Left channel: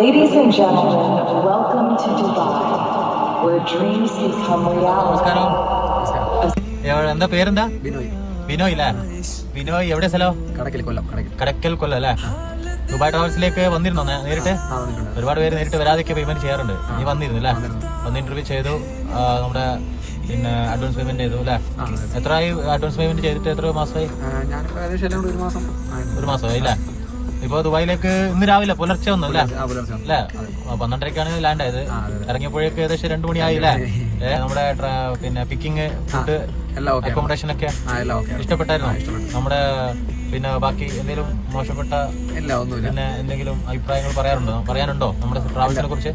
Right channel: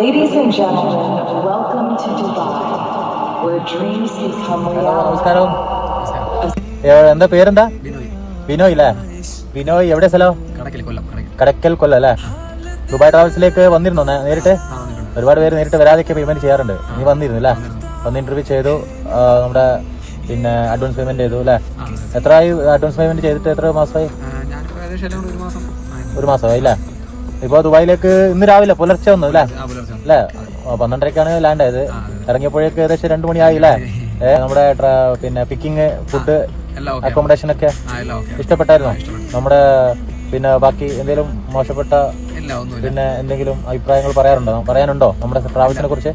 Ladies and gentlemen, welcome to Dubai, where dreams become reality. എന്താ പേരെന്താ? ബിനോയ്. ബിനോയ് അല്ലേ? ബിനോയ് എവിടെ സ്ഥലം? കടക്കൽ കൊല്ലം അല്ലേ? ദുബായ് ട്രാവൽസിലേക്ക് വന്നിരുന്നോ നേരിട്ട്? ഒരുപാട് പേര് നേരിട്ട് വരാതൊക്കെ പേയ്മെന്റ് ചെയ്യാറുണ്ട്. നീ വന്നിരുന്നു അല്ലേ? വന്ന് ഇന്റർവ്യൂ ചെയ്തു, നമ്മുടെ പിന്നെ അഡ്വാൻസ് പേയ്മെന്റ് ചെയ്തു അല്ലേ? എത്രയായി അഡ്വാൻസ് പേയ്മെന്റ് ചെയ്തിട്ട്? എത്ര മാസമായി? ഒരു മാസമായി അല്ലേ? ഇപ്പൊ ദുബായിലേക്ക് ഇന്ന് രാവിലെ പുലർച്ചെ വന്നു അല്ലേ? 12:30ക്കാണ് ലാൻഡ് ആയത്. ഇറങ്ങിയപ്പോഴേക്ക് ഏകദേശം 2 മണിയായി അല്ലേ? നമ്മുടെ പിന്നെ പിക്കിങ്, ഫുഡ്, അക്കോമഡേഷൻ ഒക്കെ ഇഷ്ടപ്പെട്ടായിരുന്നു? നമ്മുടെ പിന്നെ ബാക്കി എന്തെങ്കിലും മോശപ്പെട്ട പിന്നെ എന്തെങ്കിലും അഭിപ്രായങ്ങൾ പറയാനുണ്ടോ നമ്മുടെ ട്രാവൽസിനെ കുറിച്ച്?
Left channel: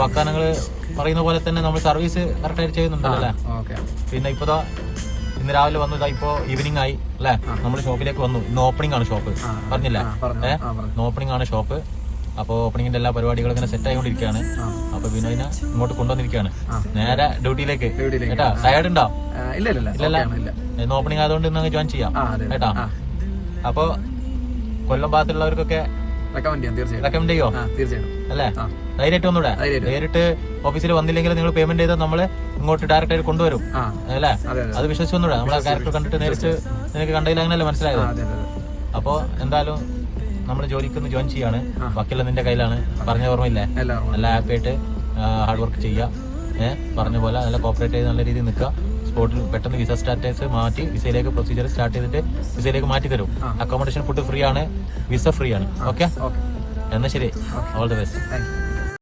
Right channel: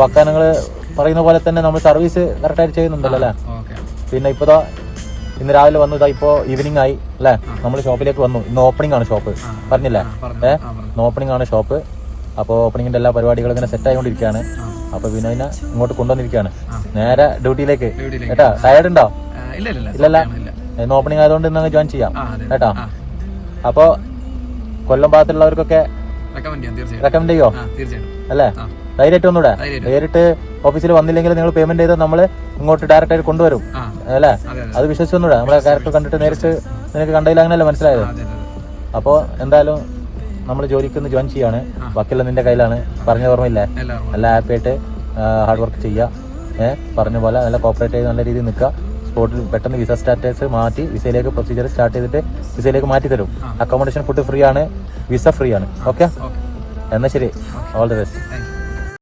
വാഗ്ദാനങ്ങൾ പറയുന്ന പോലെ തന്നെ നമ്മൾ സർവീസ് കറക്റ്റായിട്ട് ചെയ്യുന്നുണ്ടല്ലോ അല്ലേ? പിന്നെ ഇപ്പതാ ഇന്ന് രാവിലെ വന്നു, ഇപ്പോ ഈവനിങ് ആയി അല്ലെ? നമ്മൾ ഷോപ്പിലേക്ക് വന്നു. ഇന്ന് ഓപ്പണിംഗ് ആണ് ഷോപ്പ്, പറഞ്ഞില്ല? ഇന്ന് ഓപ്പണിംഗ് ആണ് ഷോപ്പ്. അപ്പോൾ ഓപ്പണിംഗിന്റെ എല്ലാ പരിപാടികളും ഇങ്ങനെ സെറ്റ് ആയിക്കൊണ്ടിരിക്കുകയാണ്. അപ്പൊ വിനോദിനെ ഇങ്ങോട്ട് കൊണ്ടുവന്നിരിക്കുകയാണ് നേരെ ഡ്യൂട്ടിയിലേക്ക്. കേട്ടാ, ടയർഡ് ഉണ്ടോ? ഇല്ലല്ല, ഇന്ന് ഓപ്പണിംഗ് ആയതുകൊണ്ട് ഇന്ന് ജോയിൻ ചെയ്യാം കേട്ടാ. അപ്പൊ കൊല്ലം ഭാഗത്തുള്ളവർക്കൊക്കെ റെക്കമെൻഡ് ചെയ്യോ അല്ലേ? ധൈര്യമായിട്ട് ഒന്നുകൂടെ നേരിട്ട് ഓഫീസിൽ വന്നില്ലെങ്കിൽ നിങ്ങൾ പേയ്മെന്റ് ചെയ്ത് നമ്മള് ഇങ്ങോട്ട് ഡയറക്റ്റ് ആയിട്ട് കൊണ്ടുവരും അല്ലേ? അത് വിശ്വസിച്ചൊന്നുകൂടെ നമ്മളെ ക്യാരക്ടർ കണ്ടിട്ട് നേരിട്ട് നിനക്ക് കണ്ടതിൽ അങ്ങനെയല്ലേ മനസ്സിലായത്? അപ്പോ എന്തായാലും നമ്മൾ ജോലിക്ക് ജോയിൻ ചെയ്യാണ്. ബാക്കിയെല്ലാം നിന്റെ കയ്യിലാണ്. പറഞ്ഞ ഓർമ്മയില്ല? നല്ല ഹാപ്പി ആയിട്ട് ഹാർഡ് വർക്ക് ചെയ്യുക. പറഞ്ഞ പോലെ നല്ല കോപ്പറേറ്റ് ചെയ്ത് നല്ല രീതിയിൽ നിൽക്കുക. സ്പോട്ടിൽ പെട്ടെന്ന് വിസ സ്റ്റാറ്റസ് മാറ്റി വിസയിലേക്ക് പ്രൊസീജിയർ സ്റ്റാർട്ട് ചെയ്തിട്ട് വിസയിലേക്ക് മാറ്റി തരും. അക്കോമഡേഷൻ, ഫുഡ് ഫ്രീ ആണ്, വിസ ഫ്രീ ആണ്. ഓക്കെ, എന്നാൽ ശരി, ഓൾ ദി ബെസ്റ്റ്.